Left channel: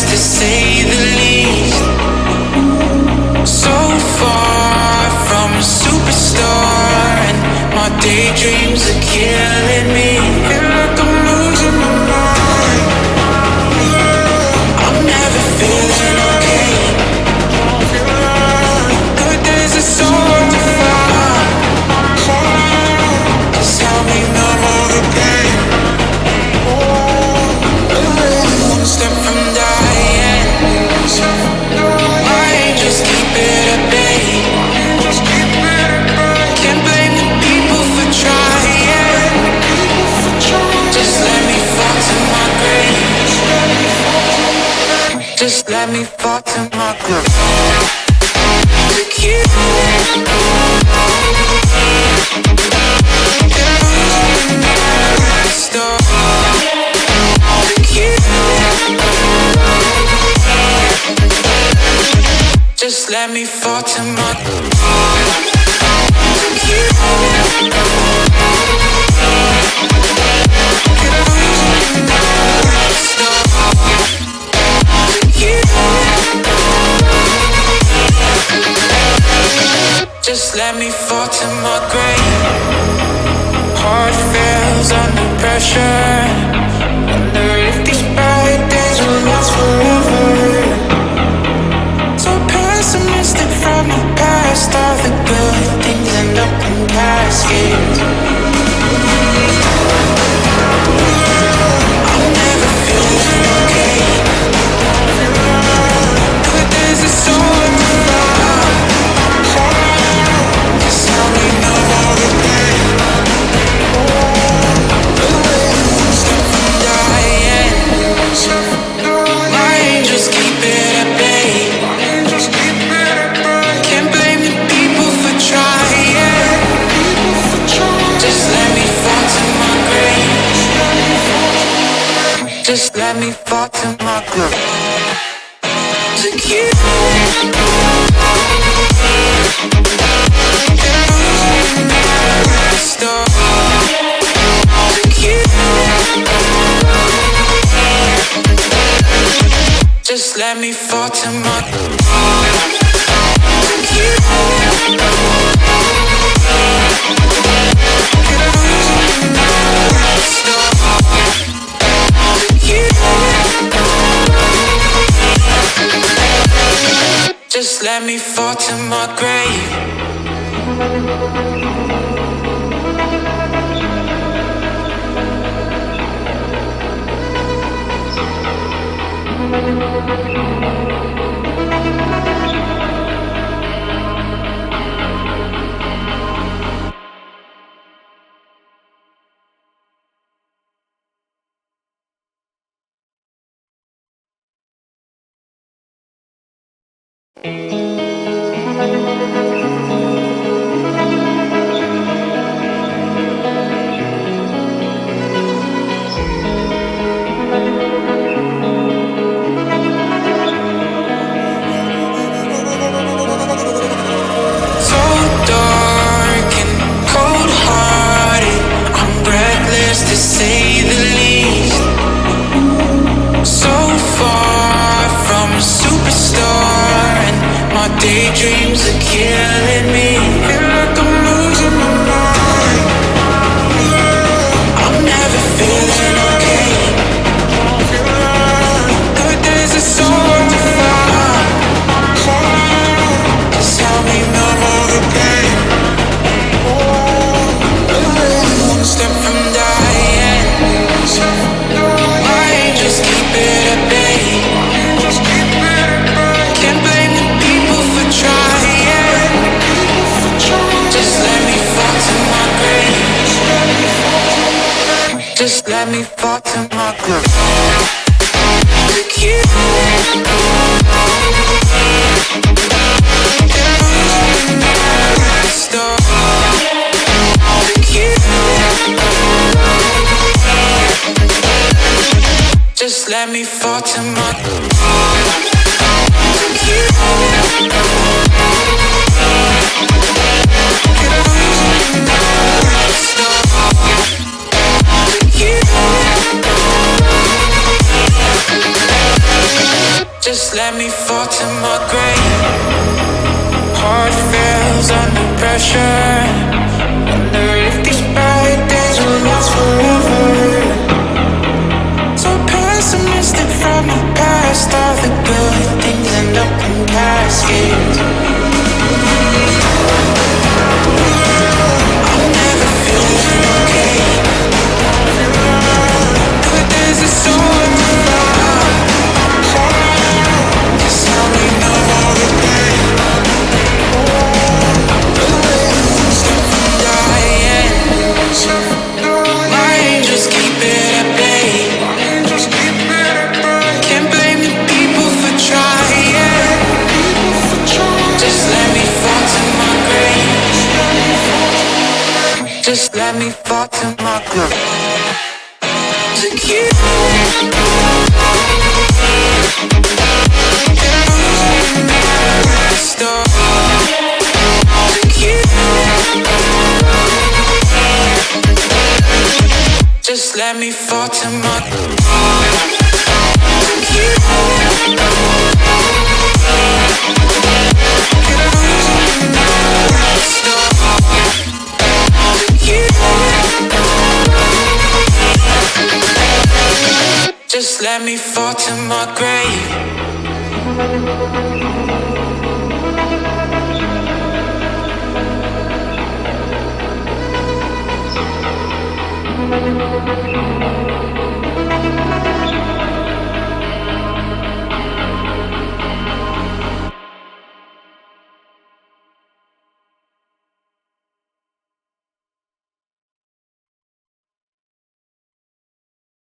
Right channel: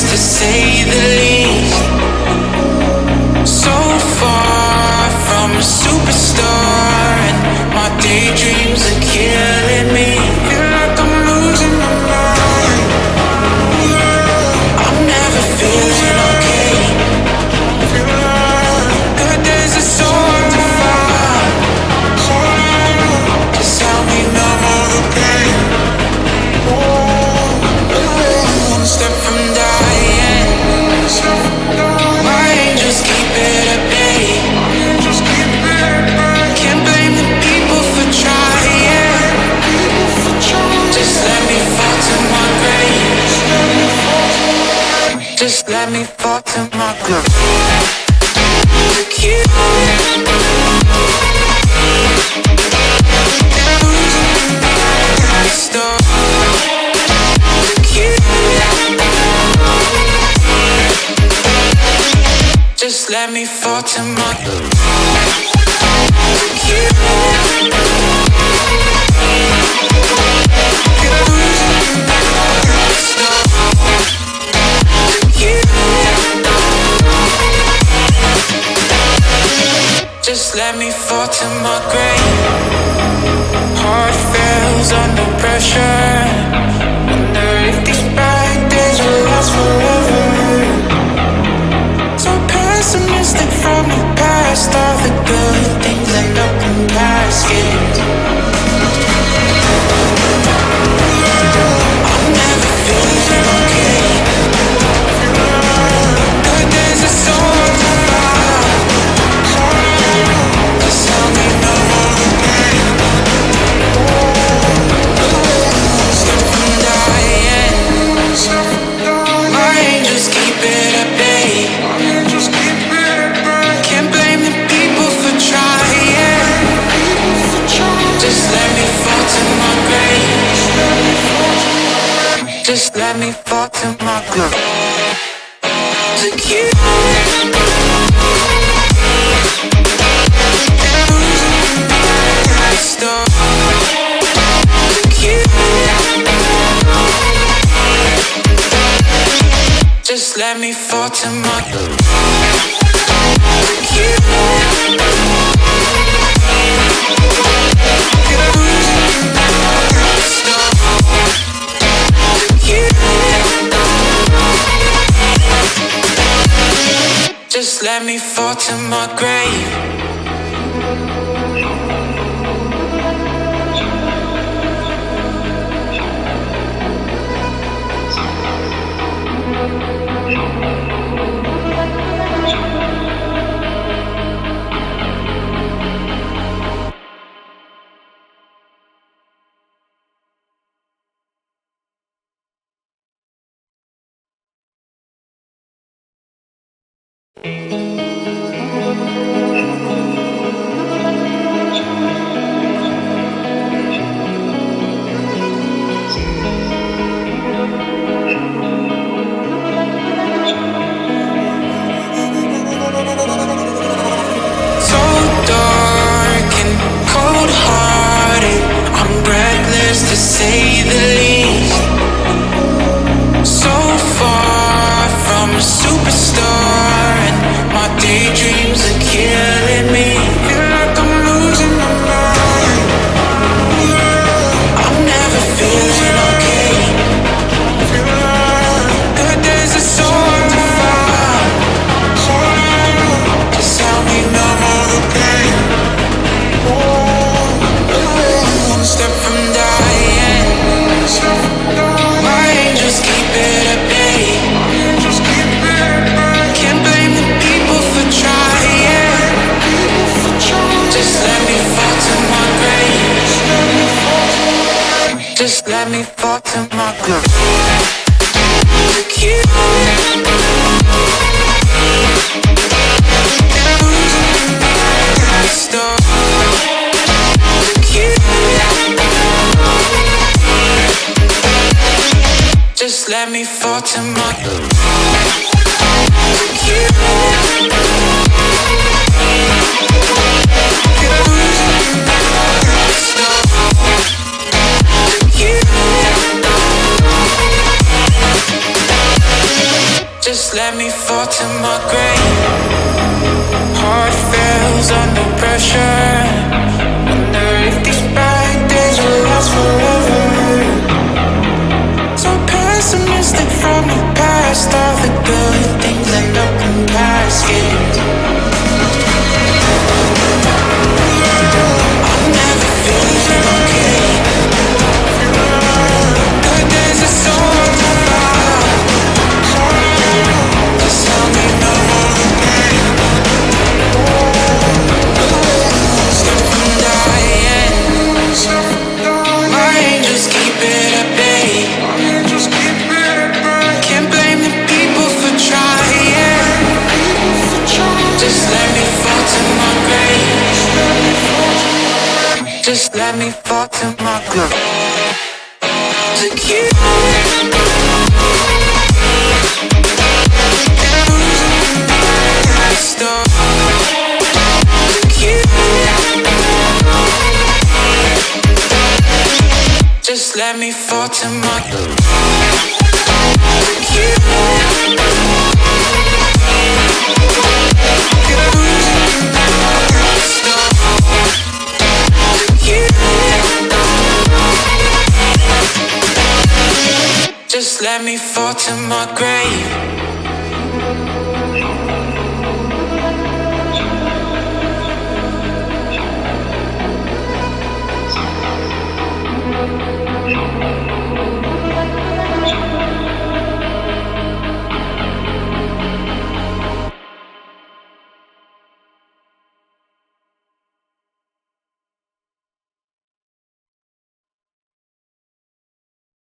breathless to say the least. So far from a superstar, and my daydreams are killing me. Feel like I'm losing my mind. I'm never feeling okay. Good days are so hard to find. Just help me numb all the pain. I'm one step from dying. My angels keep it at bay. Can't blame the people for trying. Just let me fall to my grave. Just let me fall to my grave. To kill it. And I'm losing my stuff. To kill it. Just let me fall to my grave. To kill it. And I'm losing my stuff. To kill it. Just let me fall to my grave. Heart fails under pressure. Wonder if these bad days will last forever. So pessimistic from the past. All the good things end up in caskets. I'm never feeling okay. Good days are so hard to find. Just help me numb all the pain. I'm one step from dying. My angels keep it at bay. Can't blame the people for trying. Just let me fall to my grave. Just let me fall to my grave. To kill it. And I'm losing my stuff. To kill it. Just let me fall to my grave. To kill it. And I'm losing my stuff. To kill it. Just let me fall to my grave. To say the least. So far from a superstar, and my daydreams are killing me. Feel like I'm losing my mind. I'm never feeling okay. Good days are so hard to find. Just help me numb all the pain. I'm one step from dying. My angels keep it at bay. Can't blame the people for trying. Just let me fall to my grave. Just let me fall to my grave. To kill it. And I'm losing my stuff. To kill it. Just let me fall to my grave. To kill it. And I'm losing my stuff. To kill it. let me fall to my grave. Heart fails under pressure. Wonder if these bad days will last forever. So pessimistic from the past. All the good things end up in caskets. I'm never feeling okay. Good days are so hard to find. Just tell me no more the pain. Step from dying. My angels keep it at bay. Can't blame the people for trying. Just let me fall to my grave. Just let me fall to my grave. To kill it. Stop. To kill it. Just let me fall to my grave. To kill it. Stop. To kill it. Just let me fall to my grave.